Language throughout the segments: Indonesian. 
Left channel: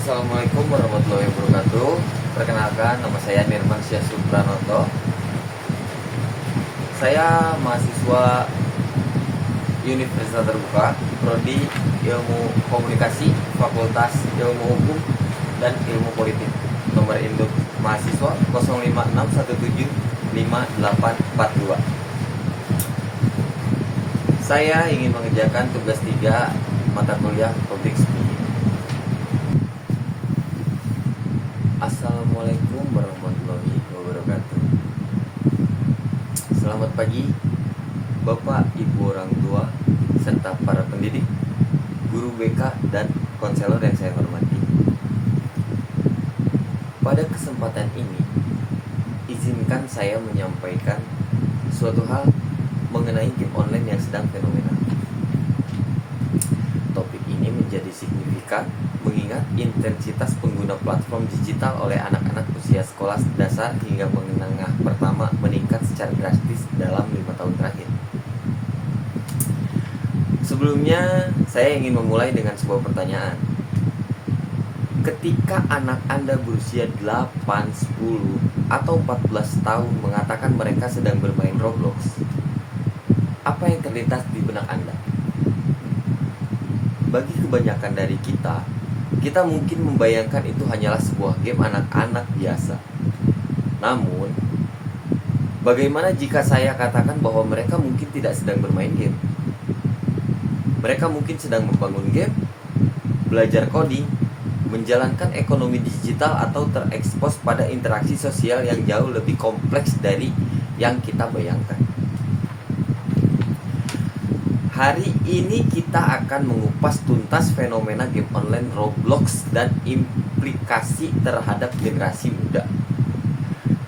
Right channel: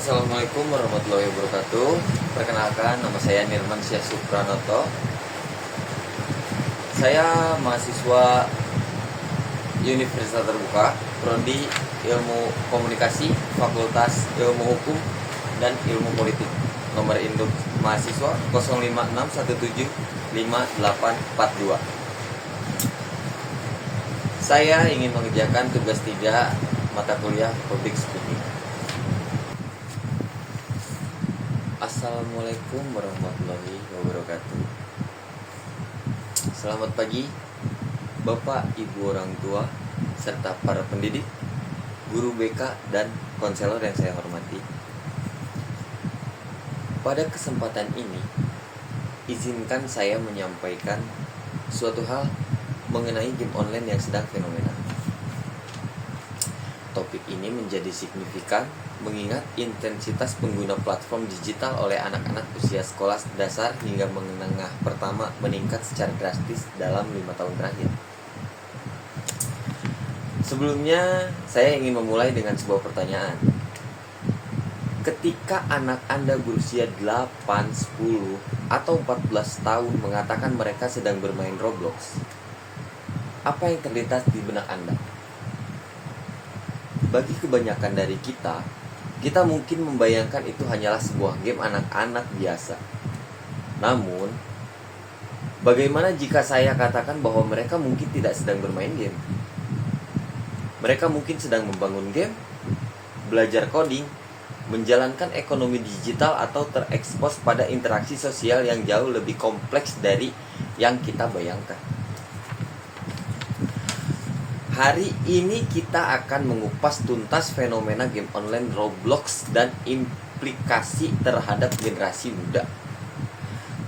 Assalamualaikum warahmatullahi wabarakatuh. Perkenalkan, nama saya Nirman Syah Supranoto. Saya mahasiswa Universitas Terbuka, Prodi Ilmu Komunikasi, Fakultas Ilmu Hukum dan Ilmu Politik. Nomor induk mahasiswa 0561758842. Saya ingin mengerjakan tugas 3 mata kuliah Public Speaking. Assalamualaikum warahmatullahi wabarakatuh. Selamat pagi Bapak, Ibu orang tua, serta para pendidik, guru BK, dan konselor yang saya hormati. Pada kesempatan ini, izinkan saya menyampaikan suatu hal mengenai game online yang sedang fenomenal. Topik ini menjadi signifikan mengingat intensitas pengguna platform digital oleh anak-anak usia sekolah dasar hingga menengah pertama meningkat secara drastis dalam 5 tahun terakhir. Sebelumnya, saya ingin memulai dengan sebuah pertanyaan. Ketika anak Anda berusia 8, 10, atau 14 tahun mengatakan mereka sedang bermain Roblox, apa yang terlintas di benak Anda? Bagi kebanyakan dari kita mungkin membayangkan itu hanyalah sebuah game anak-anak biasa. Namun, bagaimana jika saya katakan bahwa mereka mungkin tidak sedang bermain game? Mereka mungkin sedang membangun game, belajar coding, menjalankan ekonomi digital, atau terekspos pada interaksi sosial yang jauh lebih kompleks dari yang kita bayangkan. Hari ini kita akan mengupas tuntas fenomena game online Roblox dan implikasi terhadap generasi muda.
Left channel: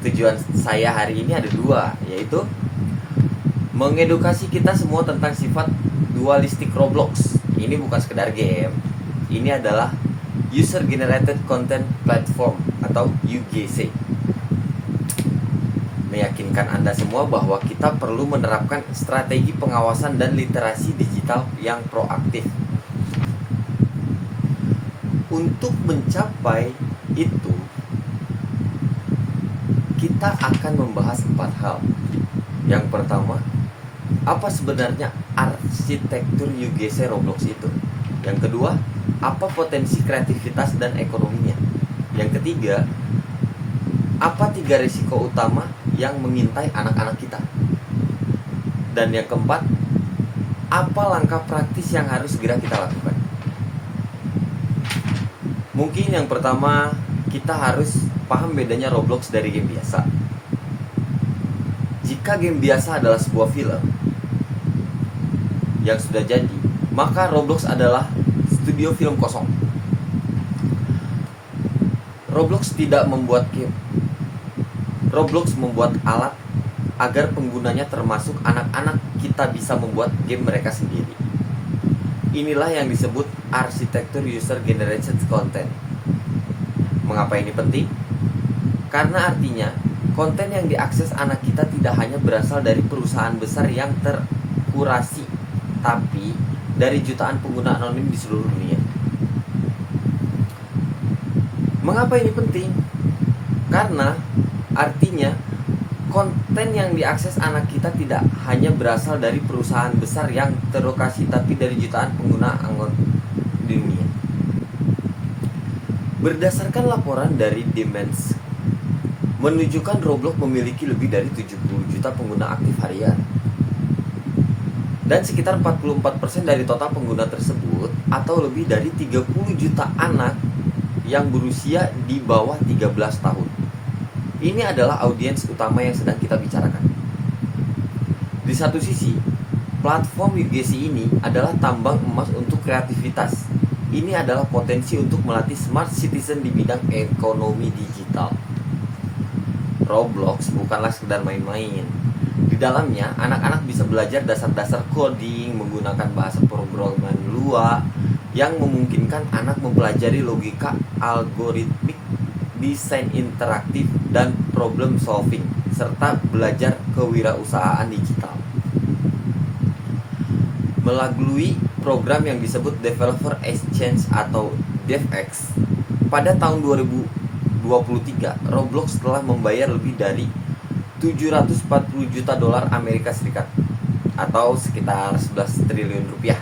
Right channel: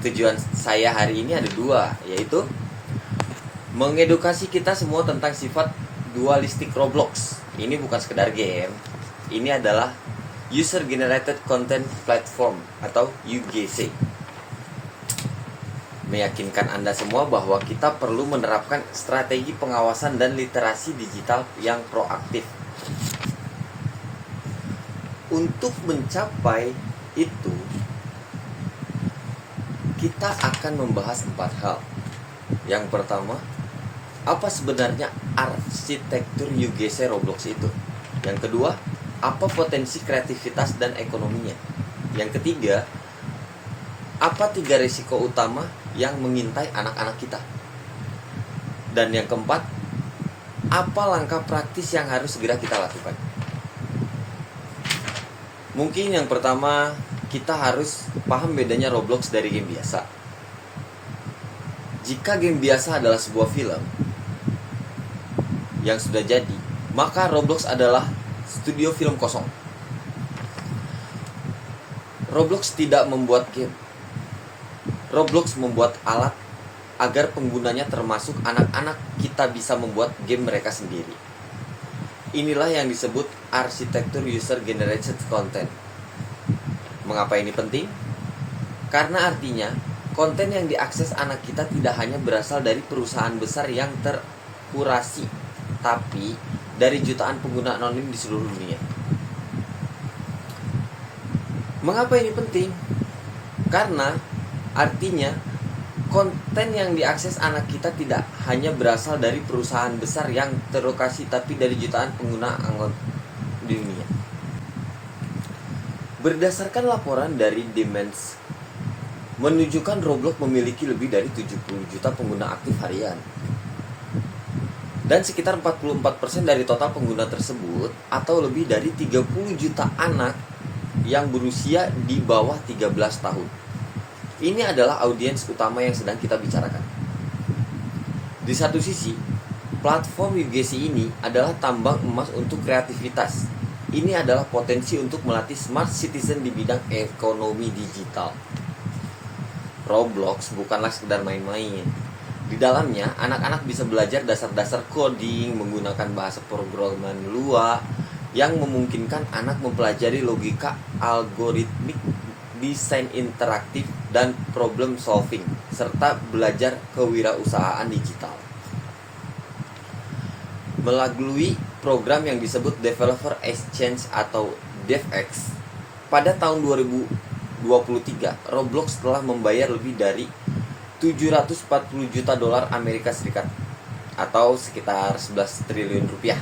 Tujuan saya hari ini ada dua, yaitu mengedukasi kita semua tentang sifat dualistik Roblox. Ini bukan sekedar game, ini adalah User Generated Content Platform atau UGC. Meyakinkan Anda semua bahwa kita perlu menerapkan strategi pengawasan dan literasi digital yang proaktif. Untuk mencapai itu, kita akan membahas 4 hal. Yang pertama, apa sebenarnya arsitektur UGC Roblox itu? Yang kedua, apa potensi kreativitas dan ekonominya? Yang ketiga, apa 3 risiko utama yang mengintai anak-anak kita? Dan yang keempat, apa langkah praktis yang harus segera kita lakukan? Mungkin yang pertama, kita harus paham bedanya Roblox dari game biasa. Jika game biasa adalah sebuah film yang sudah jadi, maka Roblox adalah studio film kosong. Roblox tidak membuat game. Roblox membuat alat agar penggunanya termasuk anak-anak kita bisa membuat game mereka sendiri. Inilah yang disebut arsitektur user generated content. Mengapa ini penting? Karena artinya konten yang diakses anak kita tidak hanya berasal dari perusahaan besar yang terkurasi, tapi dari jutaan pengguna anonim di seluruh dunia. Mengapa ini penting? Karena artinya konten yang diakses anak kita tidak hanya berasal dari perusahaan besar yang terlokasi, tapi dari jutaan pengguna anggota dunia. Berdasarkan laporan dari Demands, menunjukkan Roblox memiliki lebih dari 70 juta pengguna aktif harian. Dan sekitar 44% dari total pengguna tersebut, atau lebih dari 30 juta anak yang berusia di bawah 13 tahun. Ini adalah audiens utama yang sedang kita bicarakan. Di satu sisi, platform UGC ini adalah tambang emas untuk kreativitas. Ini adalah potensi untuk melatih smart citizen di bidang ekonomi digital. Roblox bukanlah sekedar main-main. Di dalamnya, anak-anak bisa belajar dasar-dasar coding, menggunakan bahasa programan Lua, yang memungkinkan anak mempelajari logika algoritmik, desain interaktif, dan problem solving, serta belajar kewirausahaan digital. Melalui program yang disebut Developer Exchange atau DevX, pada tahun 2023, Roblox telah membayar lebih dari 740 juta dolar Amerika Serikat atau sekitar 11 triliun rupiah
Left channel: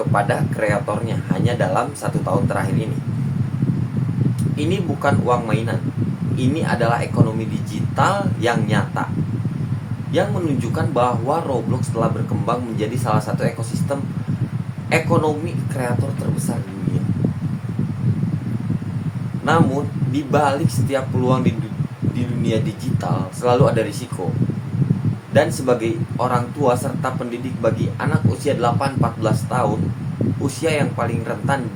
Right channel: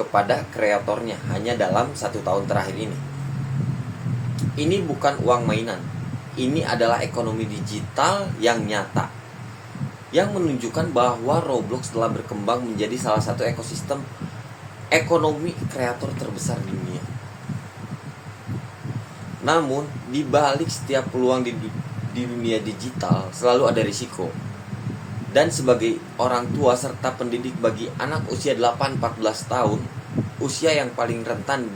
kepada kreatornya hanya dalam 1 tahun terakhir ini. Ini bukan uang mainan, ini adalah ekonomi digital yang nyata, yang menunjukkan bahwa Roblox telah berkembang menjadi salah satu ekosistem ekonomi kreator terbesar di dunia. Namun, di balik setiap peluang di dunia digital selalu ada risiko. Dan sebagai orang tua serta pendidik bagi anak usia 8-14 tahun, usia yang paling rentan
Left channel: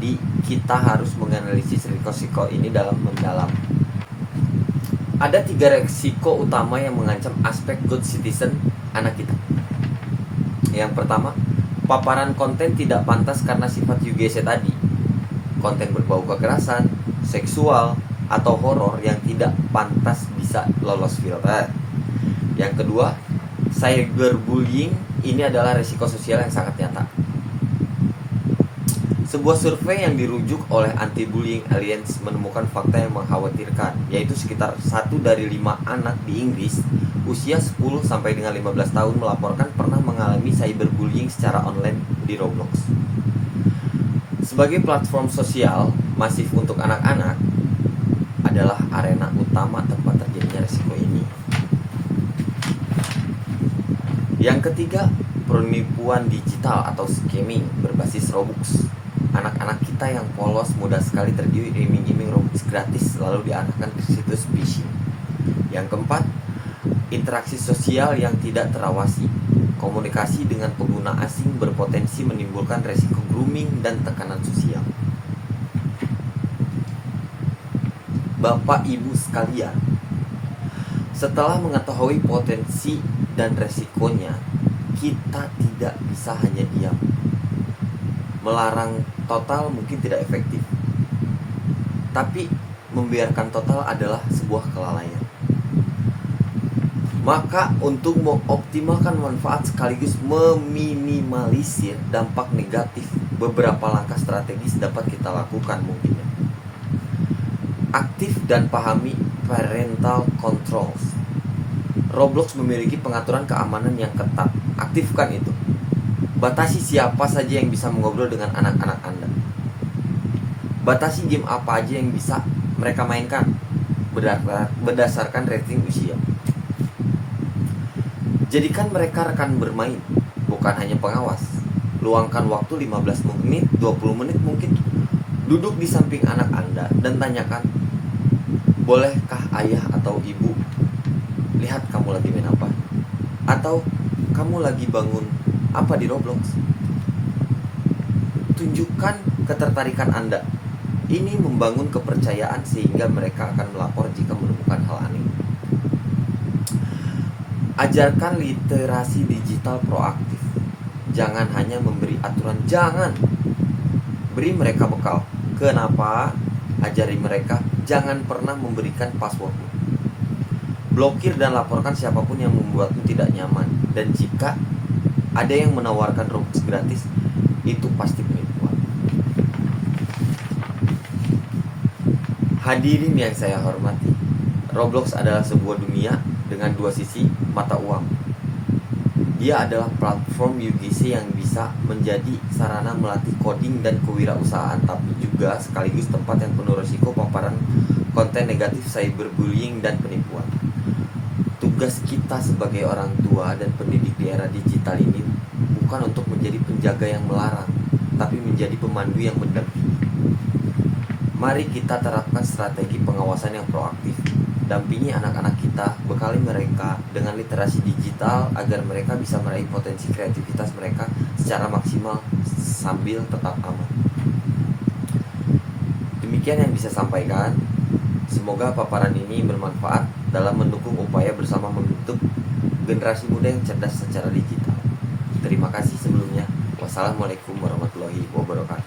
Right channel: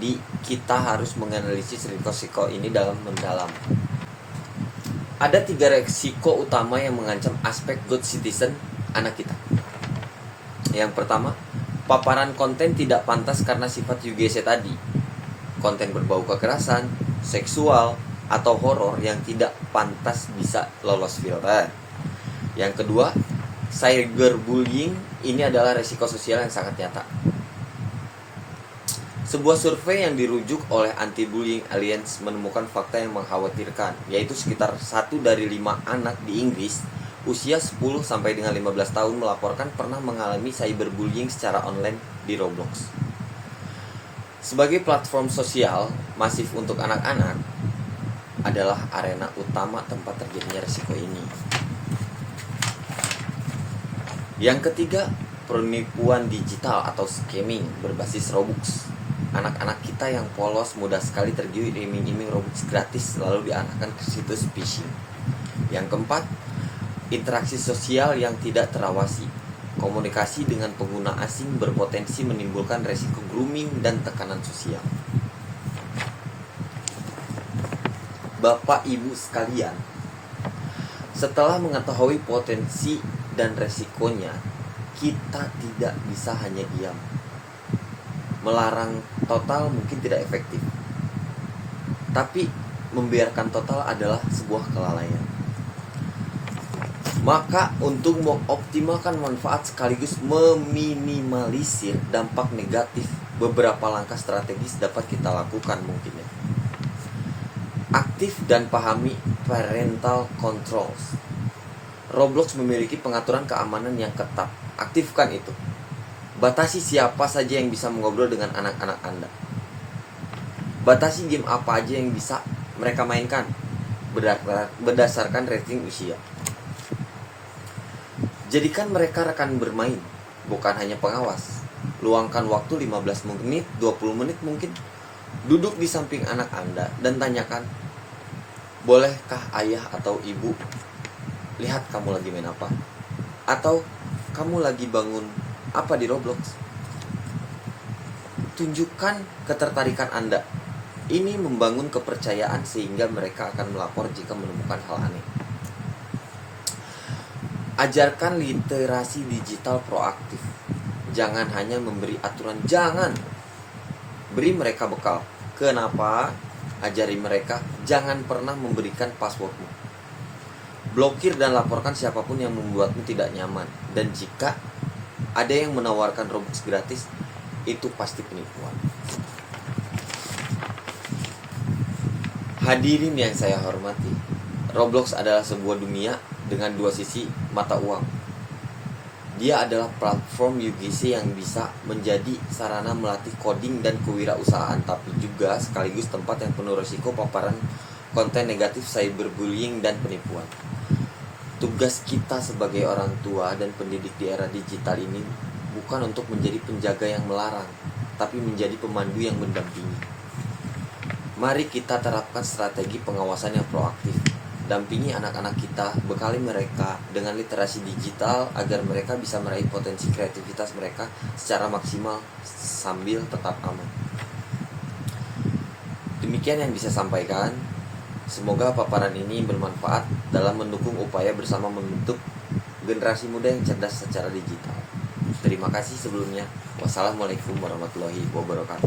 kita harus menganalisis risiko ini dalam mendalam. Ada 3 risiko utama yang mengancam aspek good citizen anak kita. Yang pertama, paparan konten tidak pantas karena sifat UGC tadi. Konten berbau kekerasan, seksual, atau horor yang tidak pantas bisa lolos filter. Yang kedua, cyberbullying. Ini adalah risiko sosial yang sangat nyata. Sebuah survei yang dirujuk oleh Anti-Bullying Alliance menemukan fakta yang mengkhawatirkan, yaitu sekitar 1 dari 5 anak di Inggris usia 10 sampai dengan 15 tahun melaporkan pernah mengalami cyberbullying secara online di Roblox. Sebagai platform sosial masif untuk anak-anak adalah arena utama tempat terjadinya risiko ini. Yang ketiga, penipuan digital atau scamming berbasis Robux. Anak-anak kita yang polos mudah sekali tergiur iming-iming Robux gratis lalu diarahkan ke situs phishing. Yang keempat, interaksi sosial yang tidak terawasi. Komunikasi dengan pengguna asing berpotensi menimbulkan resiko grooming dan tekanan sosial. Bapak Ibu sekalian, setelah mengetahui potensi dan resikonya, kita tidak bisa hanya diam. Melarang total mungkin tidak efektif, tapi membiarkan total adalah sebuah kelalaian. Maka untuk mengoptimalkan manfaat sekaligus meminimalisir dampak negatif, beberapa langkah strategis dapat kita lakukan mungkin. Aktif dan pahami parental controls. Roblox memiliki pengaturan keamanan yang ketat. Aktifkan itu. Batasi siapa saja yang bisa mengobrol dengan anak-anak Anda. Batasi game apa aja yang bisa mereka mainkan berdasarkan rating usia. Jadikan mereka rekan bermain, bukan hanya pengawas. Luangkan waktu 15 menit, 20 menit mungkin. Duduk di samping anak Anda dan tanyakan, bolehkah ayah atau ibu lihat kamu lagi main apa? Atau kamu lagi bangun apa di Roblox? Tunjukkan ketertarikan Anda. Ini membangun kepercayaan sehingga mereka akan melapor jika menemukan hal aneh. Ajarkan literasi digital proaktif. Jangan hanya memberi aturan, jangan. Beri mereka bekal. Kenapa? Ajari mereka, jangan pernah memberikan passwordmu. Blokir dan laporkan siapapun yang membuatmu tidak nyaman. Dan jika ada yang menawarkan Robux gratis, itu pasti penipuan. Hadirin yang saya hormati, Roblox adalah sebuah dunia dengan 2 sisi mata uang. Dia adalah platform UGC yang bisa menjadi sarana melatih coding dan kewirausahaan, tapi juga sekaligus tempat yang penuh risiko paparan konten negatif, cyberbullying, dan penipuan. Tugas kita sebagai orang tua dan pendidik di era digital ini bukan untuk menjadi penjaga yang melarang, tapi menjadi pemandu yang mendampingi. Mari kita terapkan strategi pengawasan yang proaktif. Dampingi anak-anak kita, bekali mereka dengan literasi digital agar mereka bisa meraih potensi kreativitas mereka secara maksimal sambil tetap aman. Demikian yang bisa sampaikan. Semoga paparan ini bermanfaat dalam mendukung upaya bersama membentuk generasi muda yang cerdas secara digital. Terima kasih sebelumnya. Wassalamualaikum warahmatullahi wabarakatuh.